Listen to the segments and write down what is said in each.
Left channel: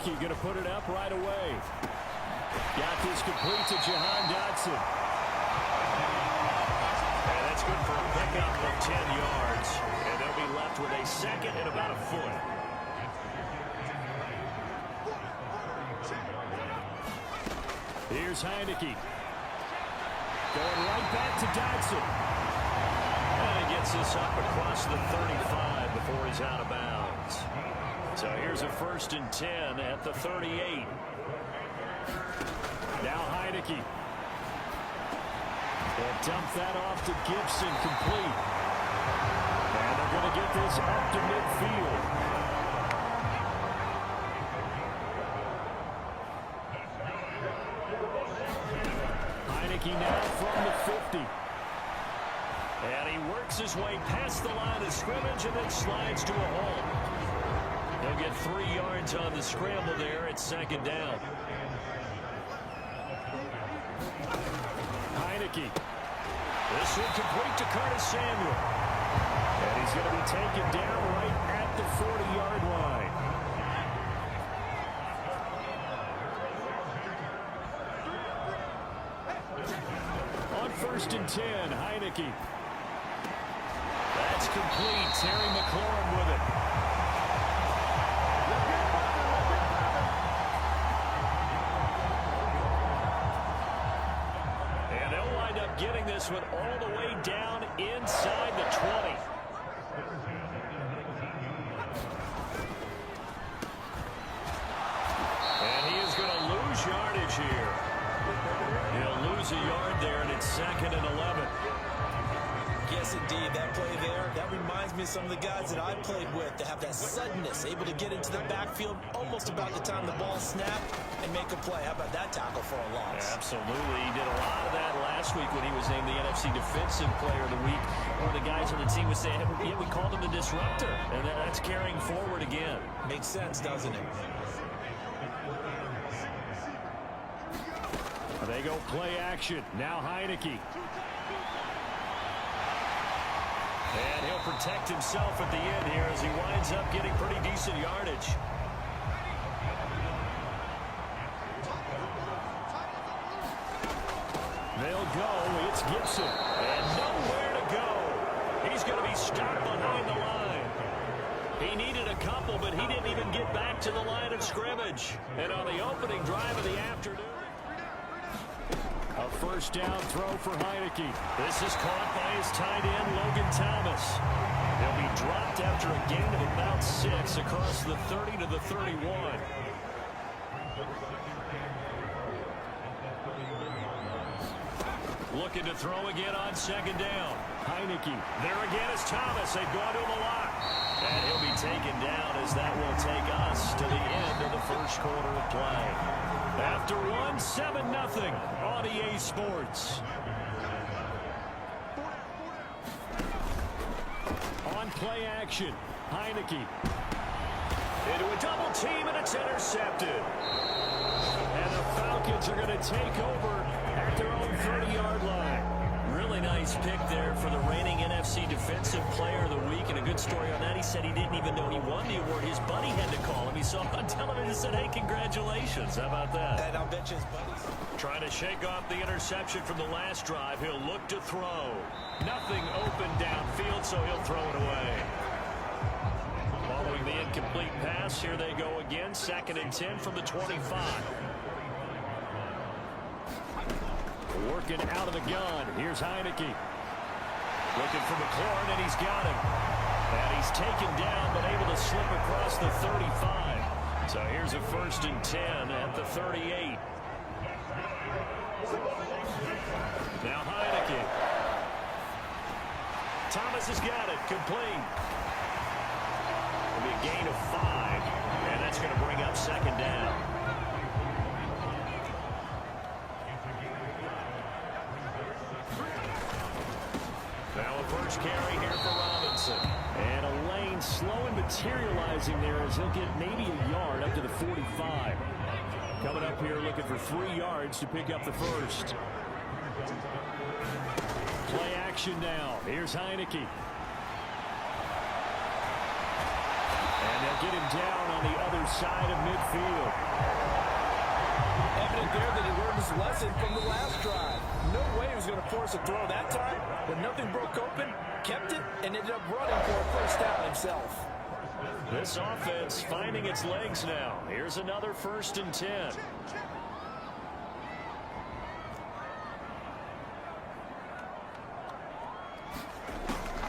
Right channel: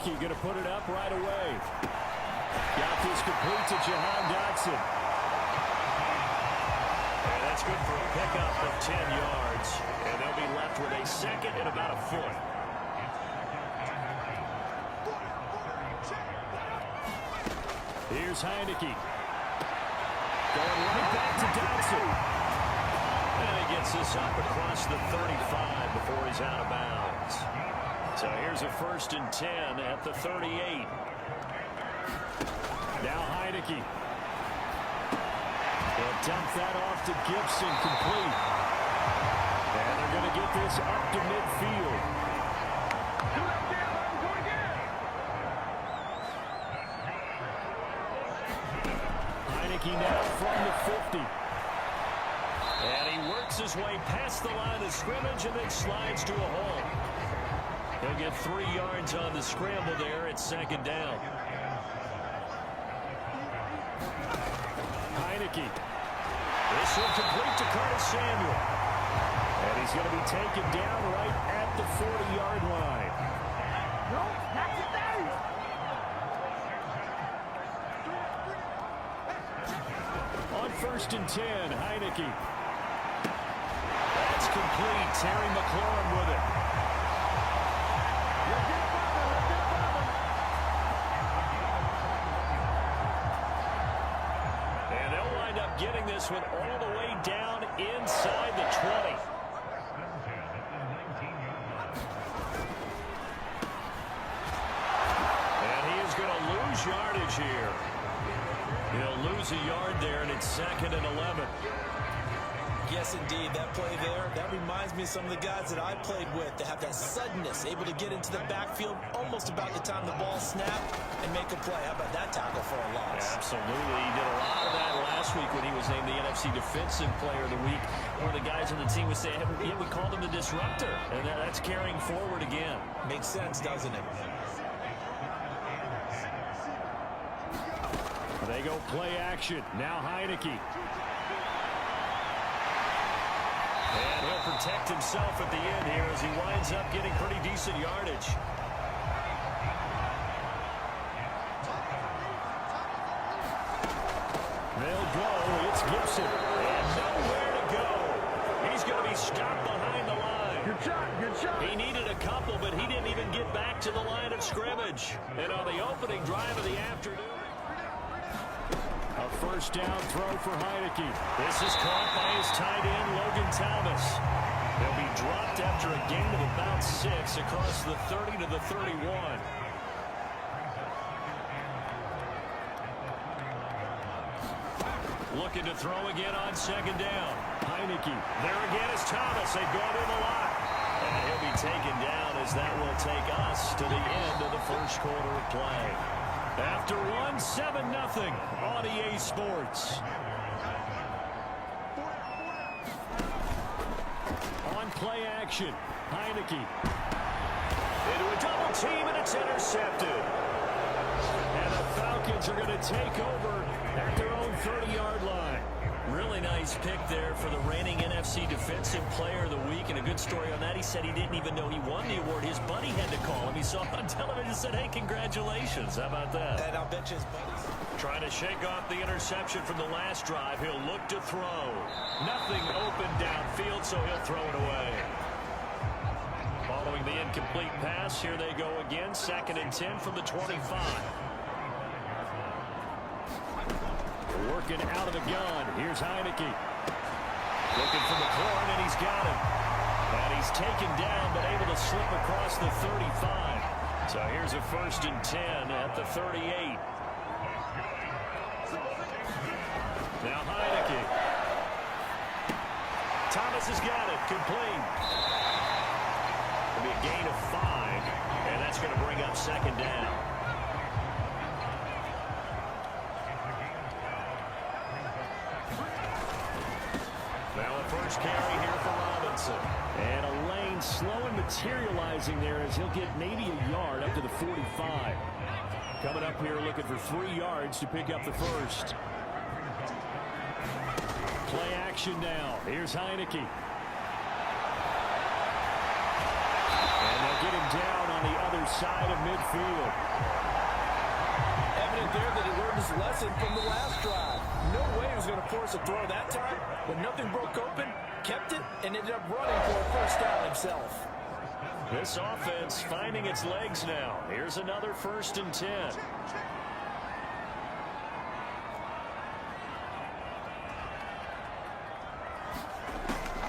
Heineke going to put it up right away. Got this complete to Jahan Dotson. And that's good for a pickup of 10 yards. And they'll be left with a second and about a foot. Here's Heineke. Going right back to Dotson. And he gets this up across the 35 before he's out of bounds. So here's a 1st and 10 at the 38. Now Heineke. He'll dump that off to Gibson, complete. And they're going to get this up to midfield. Heineke now from the 50. And he works his way past the line of scrimmage and then slides to a hole. He'll get 3 yards on the scramble there at 2nd down. Heineke. This will complete to Curtis Samuel. And he's going to be taken down right at the 40-yard line. On 1st and 10, Heineke. That's complete. Terry McLaurin with it. And they'll wind up getting this one all the way down inside the 20. And he is going to lose yardage here. He'll lose a yard there, and it's 2nd and 11. Yes, indeed. That play there, that reminds me of some of the guys that I played with that have that suddenness, able to get into the backfield almost about the time the ball snapped and make a play. How about that tackle for a loss? Yeah, absolutely. He did a lot of that last week when he was named the NFC Defensive Player of the Week. One of the guys on the team would say, yeah, we called him the disruptor, and that's carrying forward again. Makes sense, doesn't it? They go play action. Now Heineke. And he'll protect himself at the end here as he winds up getting pretty decent yardage. They'll go. It's Gibson. And nowhere to go. He's going to be stopped behind the line. He needed a couple, but he didn't even get back to the line of scrimmage. And on the opening drive of the afternoon, a 1st down throw for Heineke. this is caught by his tight end, Logan Thomas. He'll be dropped after a gain of about 6 across the 30 to the 31. Looking to throw again on 2nd down. Heineke. There again is Thomas. They've gone to him a lot. And he'll be taken down as that will take us to the end of the 1st quarter of play. After one, 7-0 on EA Sports. On play action, Heineke. Into a double team, and it's intercepted. And the Falcons are going to take over at their own 30-yard line. Really nice pick there for the reigning NFC Defensive Player of the Week. And a good story on that. He said he didn't even know he won the award. His buddy had to call him. He saw him on television and said, hey, congratulations. How about that? And I'll bet you his buddies. Trying to shake off the interception from the last drive. He'll look to throw. Nothing open downfield, so he'll throw it away. Following the incomplete pass, here they go again. 2nd and 10 from the 25. Working out of the gun. Here's Heineke. Looking for McLaurin, and he's got him. And he's taken down, but able to slip across the 35. So here's a 1st and 10 at the 38. Now Heineke. Thomas has got it. Complete. It'll be a gain of 5, and that's going to bring up 2nd down. Now a 1st carry here for Robinson. And a lane slow and materializing there as he'll get maybe a yard up to the 45. Coming up here looking for 3 yards to pick up the 1st. Play action now. Here's Heineke. And they'll get him down on the other side of midfield. Evident there that he learned his lesson from the last drive. No way he was going to force a throw that time. When nothing broke open, kept it, and ended up running for a first down himself. This offense finding its legs now. Here's another 1st and 10.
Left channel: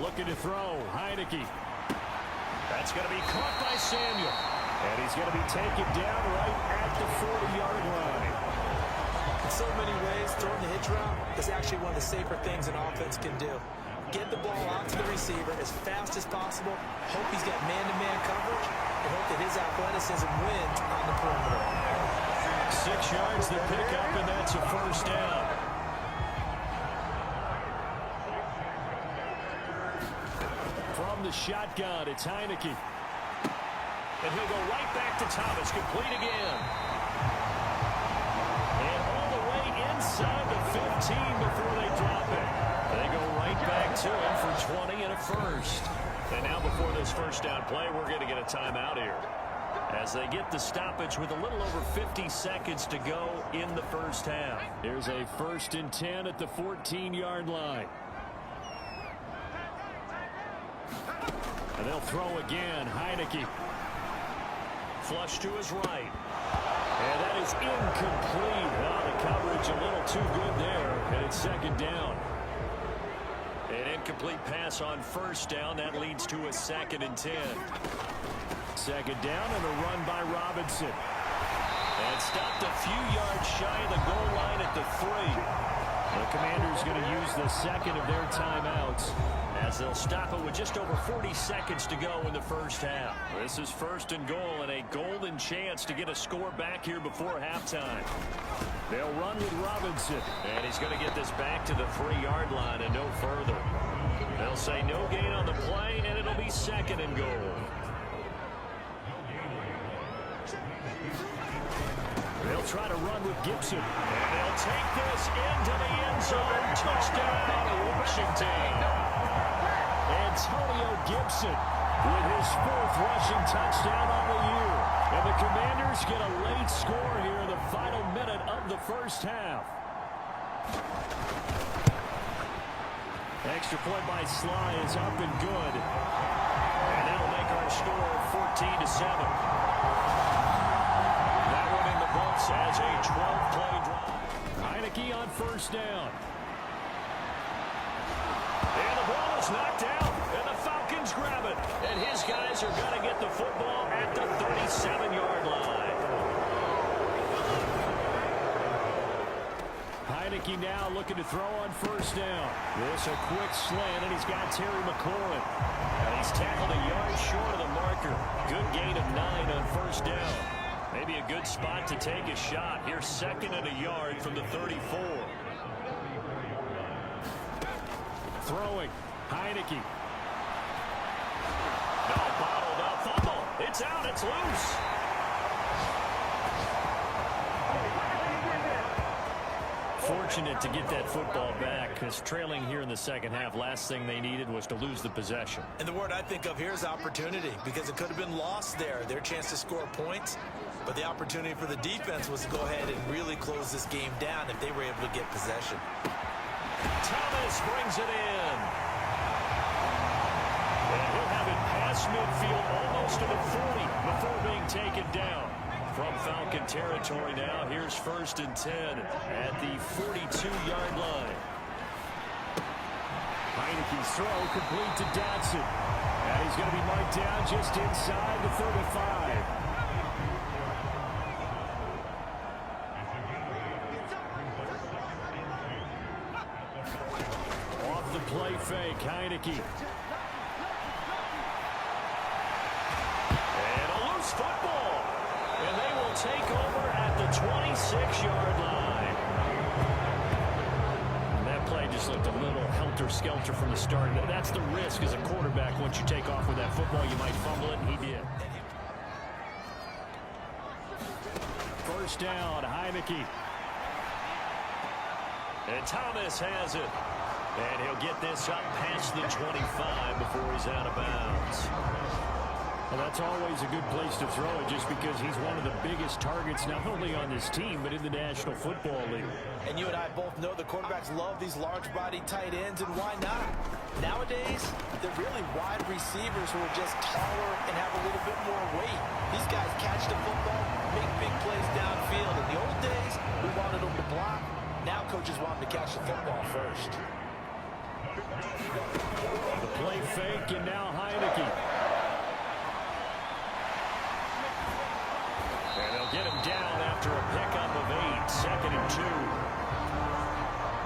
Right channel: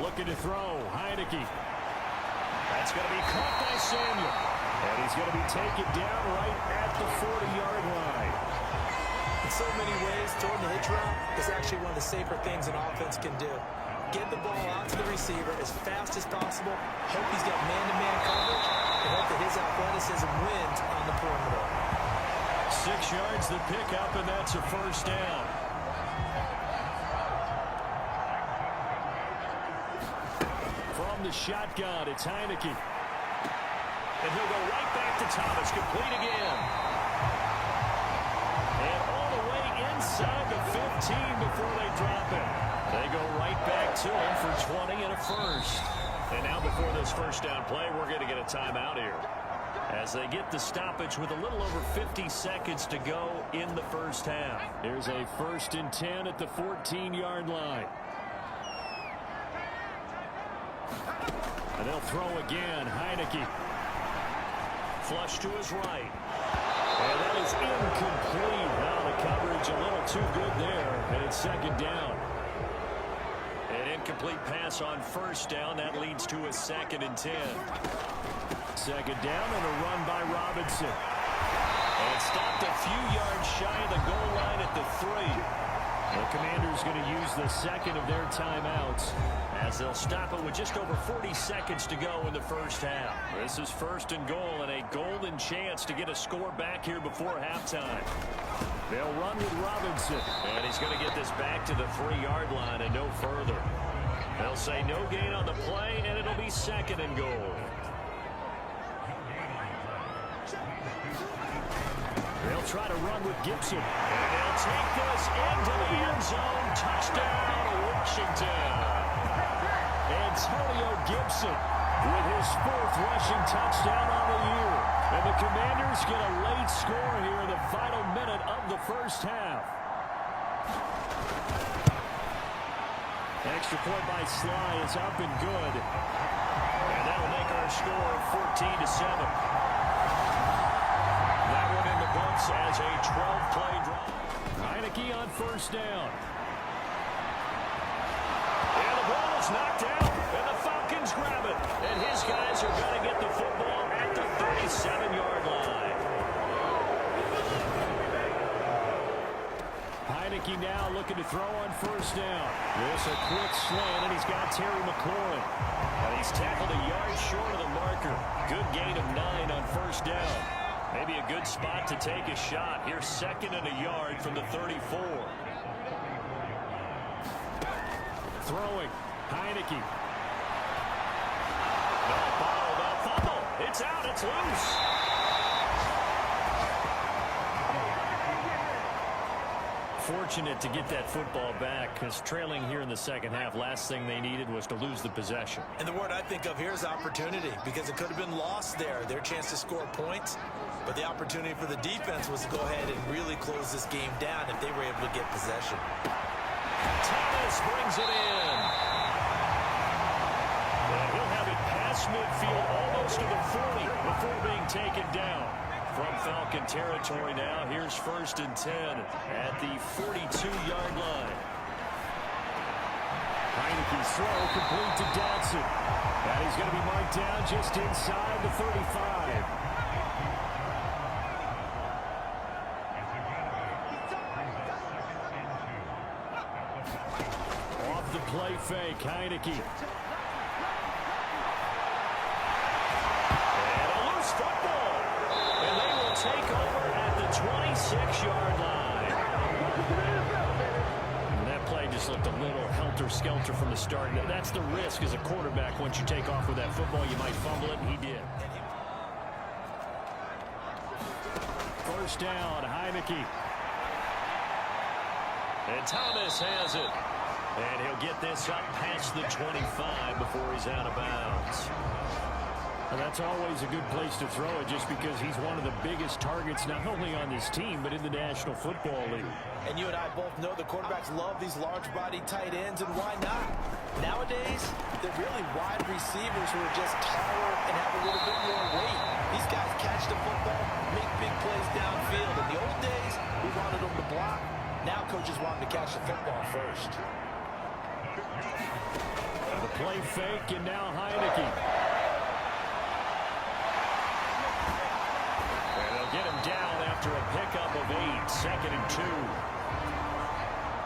Looking to throw. Heineke. That's going to be caught by Samuel. And he's going to be taken down right at the 40-yard line. In so many ways, throwing the hitch route is actually one of the safer things an offense can do. Get the ball out to the receiver as fast as possible, hope he's got man-to-man coverage, and hope that his athleticism wins on the perimeter. 6 yards to pick up, and that's a first down. From the shotgun, it's Heineke. And he'll go right back to Thomas, complete again. And all the way inside the 15 before they drop it. They go right back to him for 20 and a first. And now before this first down play, we're going to get a timeout here, as they get the stoppage with a little over 50 seconds to go in the first half. Here's a 1st and 10 at the 14-yard line. And they'll throw again. Heineke. Flush to his right. And that is incomplete. Oh, the coverage a little too good there. And it's 2nd down. An incomplete pass on 1st down. That leads to a 2nd and 10. 2nd down and a run by Robinson. And stopped a few yards shy of the goal line at the 3. The Commanders going to use the 2nd of their timeouts, as they'll stop it with just over 40 seconds to go in the first half. This is 1st and goal, and a golden chance to get a score back here before halftime. They'll run with Robinson, and he's going to get this back to the 3-yard line and no further. They'll say no gain on the play, and it'll be 2nd and goal. They'll try to run with Gibson, and they'll take this into the end zone. Touchdown, Washington. Antonio Gibson with his 4th rushing touchdown on the year. And the Commanders get a late score here in the final minute of the first half. Extra point by Sly is up and good. And that'll make our score 14-7. That one in the books as a 12-play drive. Heineke on 1st down. And the ball is knocked out, and the Falcons grab it. And his guys are going to get the football at the 37-yard line. Heineke now looking to throw on 1st down. This a quick slant, and he's got Terry McLaurin. And he's tackled a yard short of the marker. Good gain of 9 on 1st down. Maybe a good spot to take a shot. Here's 2nd and a yard from the 34. Throwing. Heineke. No, bottled up. Fumble. It's out. It's loose. Fortunate to get that football back, because trailing here in the second half, last thing they needed was to lose the possession. And the word I think of here is opportunity, because it could have been lost there, their chance to score points. But the opportunity for the defense was to go ahead and really close this game down if they were able to get possession. Thomas brings it in. And he'll have it past midfield almost to the 40 before being taken down. From Falcon territory now, here's 1st and 10 at the 42-yard line. Heineke's throw complete to Dotson. And he's going to be marked down just inside the 35. Off the play fake, Heineke. And a loose football. And they will take over at the 26-yard line. And that play just looked a little helter-skelter from the start. That's the risk as a quarterback. Once you take off with that football, you might fumble it, and he did. 1st down, Heineke. And Thomas has it. And he'll get this up past the 25 before he's out of bounds. Well, that's always a good place to throw it just because he's one of the biggest targets not only on this team but in the National Football League. And you and I both know the quarterbacks love these large-body tight ends, and why not? Nowadays, they're really wide receivers who are just taller and have a little bit more weight. These guys catch the football, make big plays downfield. In the old days, we wanted them to block. Now coaches want them to catch the football first. The play fake, and now Heineke. And they'll get him down after a pickup of 8, 2nd and 2.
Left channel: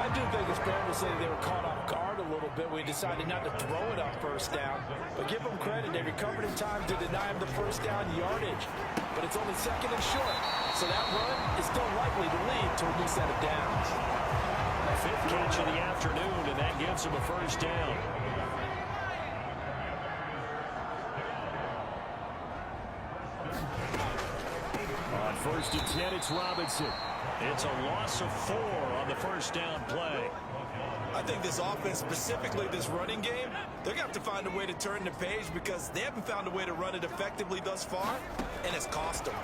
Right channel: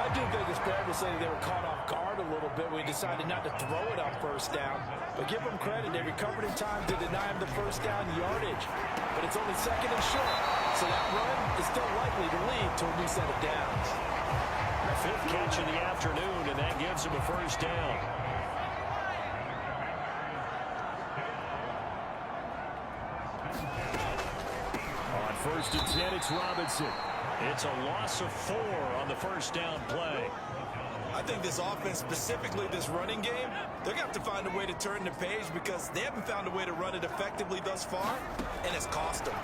I do think it's fair to say they were caught off guard a little bit when we decided not to throw it on first down. But give them credit. They recovered in time to deny him the first down yardage. But it's only 2nd and short. So that run is still likely to lead to a new set of downs. 5th catch of the afternoon, and that gives him a first down. On 1st and 10, it's Robinson. It's a loss of 4 on the first down play. I think this offense, specifically this running game, they're going to have to find a way to turn the page because they haven't found a way to run it effectively thus far, and it's cost them.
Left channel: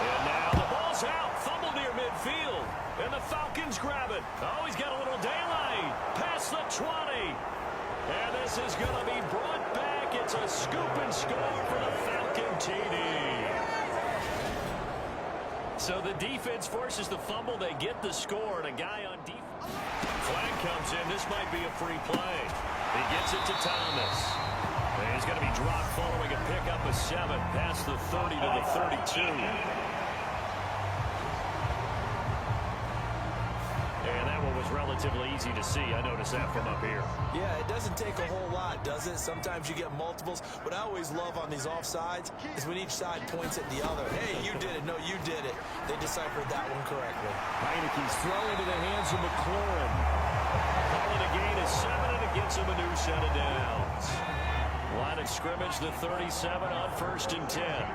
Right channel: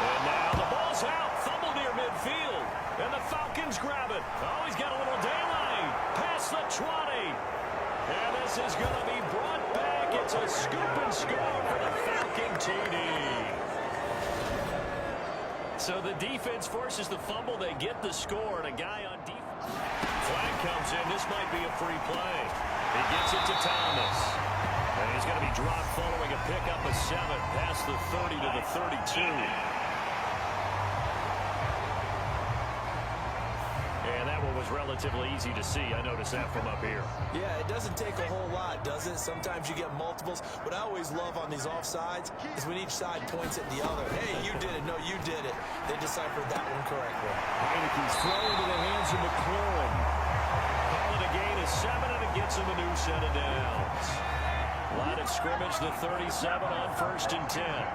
And now the ball's out. Fumble near midfield. And the Falcons grab it. Oh, he's got a little daylight. Past the 20. And this is going to be brought back. It's a scoop and score for the Falcon TD. So the defense forces the fumble. They get the score, and a guy on defense. Flag comes in. This might be a free play. He gets it to Thomas. And he's going to be dropped following a pickup of 7 past the 30 to the 32. And that one was relatively easy to see. I noticed that from up here. Yeah, it doesn't take a whole lot, does it? Sometimes you get multiples. What I always love on these offsides is when each side points at the other. Hey, you did it. No, you did it. They deciphered that one correctly. Heineke's throw into the hands of McLaurin. Call it a gain of 7, and it gets him a new set of downs. Line of scrimmage, the 37 on 1st and 10.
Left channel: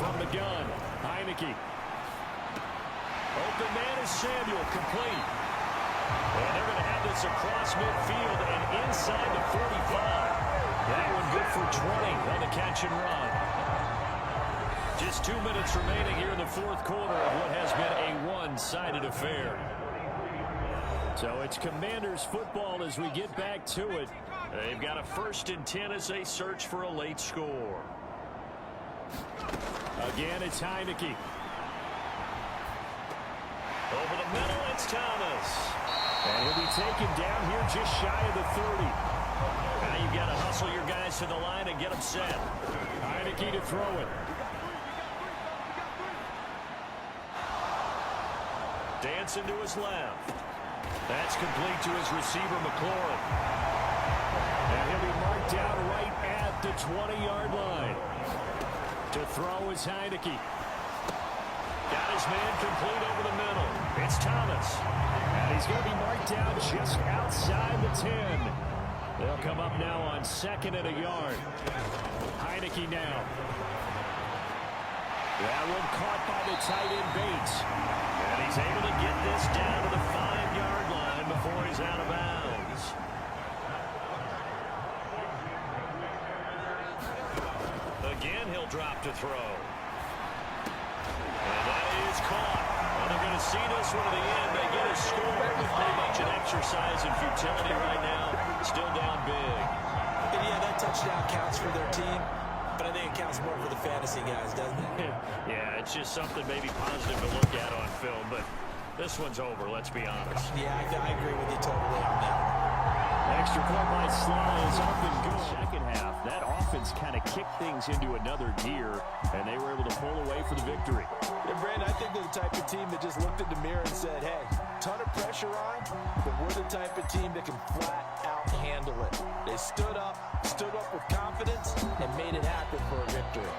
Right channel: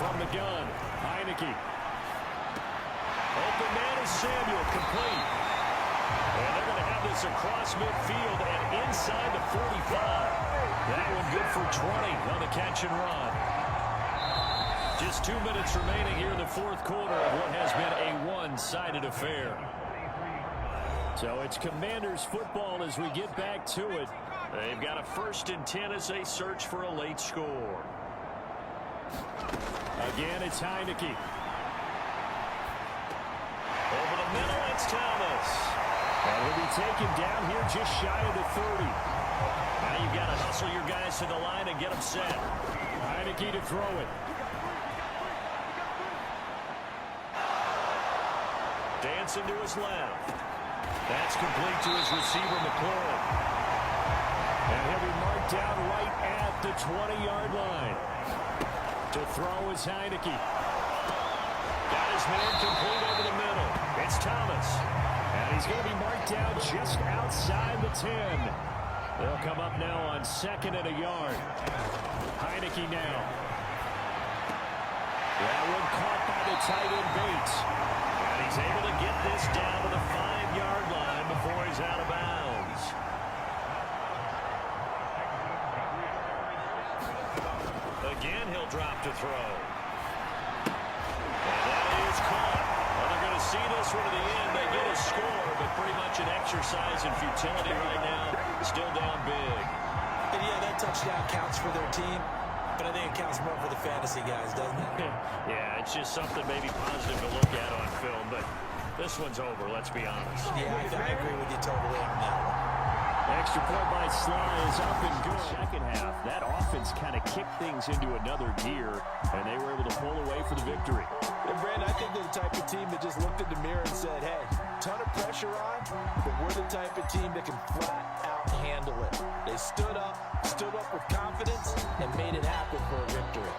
From the gun, Heineke. Open man is Samuel, complete. And they're going to have this across midfield and inside the 45. That one good for 20 on the catch and run. Just 2 minutes remaining here in the 4th quarter of what has been a one-sided affair. So it's Commanders football as we get back to it. They've got a 1st and 10 as they search for a late score. Again, it's Heineke. Over the middle, it's Thomas. And he'll be taken down here just shy of the 30. Now you've got to hustle your guys to the line and get them set. Heineke to throw it. Dancing to his left. That's complete to his receiver, McLaurin. And he'll be marked down right at the 20-yard line. To throw is Heineke. Got his man complete over the middle. It's Thomas. And he's going to be marked down just outside the 10. They'll come up now on 2nd and a yard. Heineke now. That one caught by the tight end Bates. And he's able to get this down to the 5-yard line before he's out of bounds. Again, he'll drop to throw. And that is caught. Well, they're going to see this one to the end. They get a score, but pretty much an exercise in futility right now. Still down big. And yeah, that touchdown counts for their team, but I think it counts more for the fantasy guys, doesn't it? Yeah, it's just something maybe positive to look at on film, but this one's over, let's be honest. Yeah, I agree with you totally on that one. Extra point by Sly is up and good. Second half, that offense kind of kicked things into another gear, and they were able to pull away for the victory. And Brandon, I think they're the type of team that just looked in the mirror and said, hey, ton of pressure on, but we're the type of team that can flat out handle it. They stood up with confidence, and made it happen for a victory.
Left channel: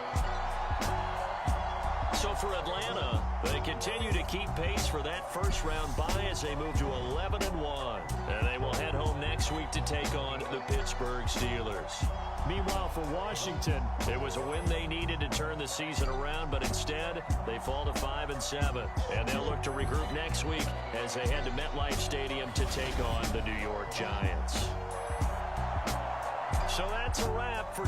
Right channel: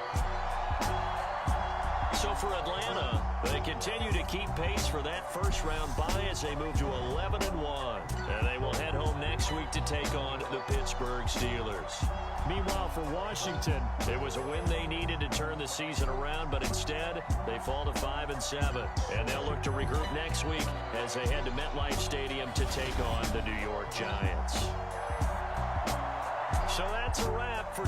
So for Atlanta, they continue to keep pace for that first-round bye as they move to 11-1. And they will head home next week to take on the Pittsburgh Steelers. Meanwhile, for Washington, it was a win they needed to turn the season around, but instead they fall to 5-7. And they'll look to regroup next week as they head to MetLife Stadium to take on the New York Giants. So that's a wrap for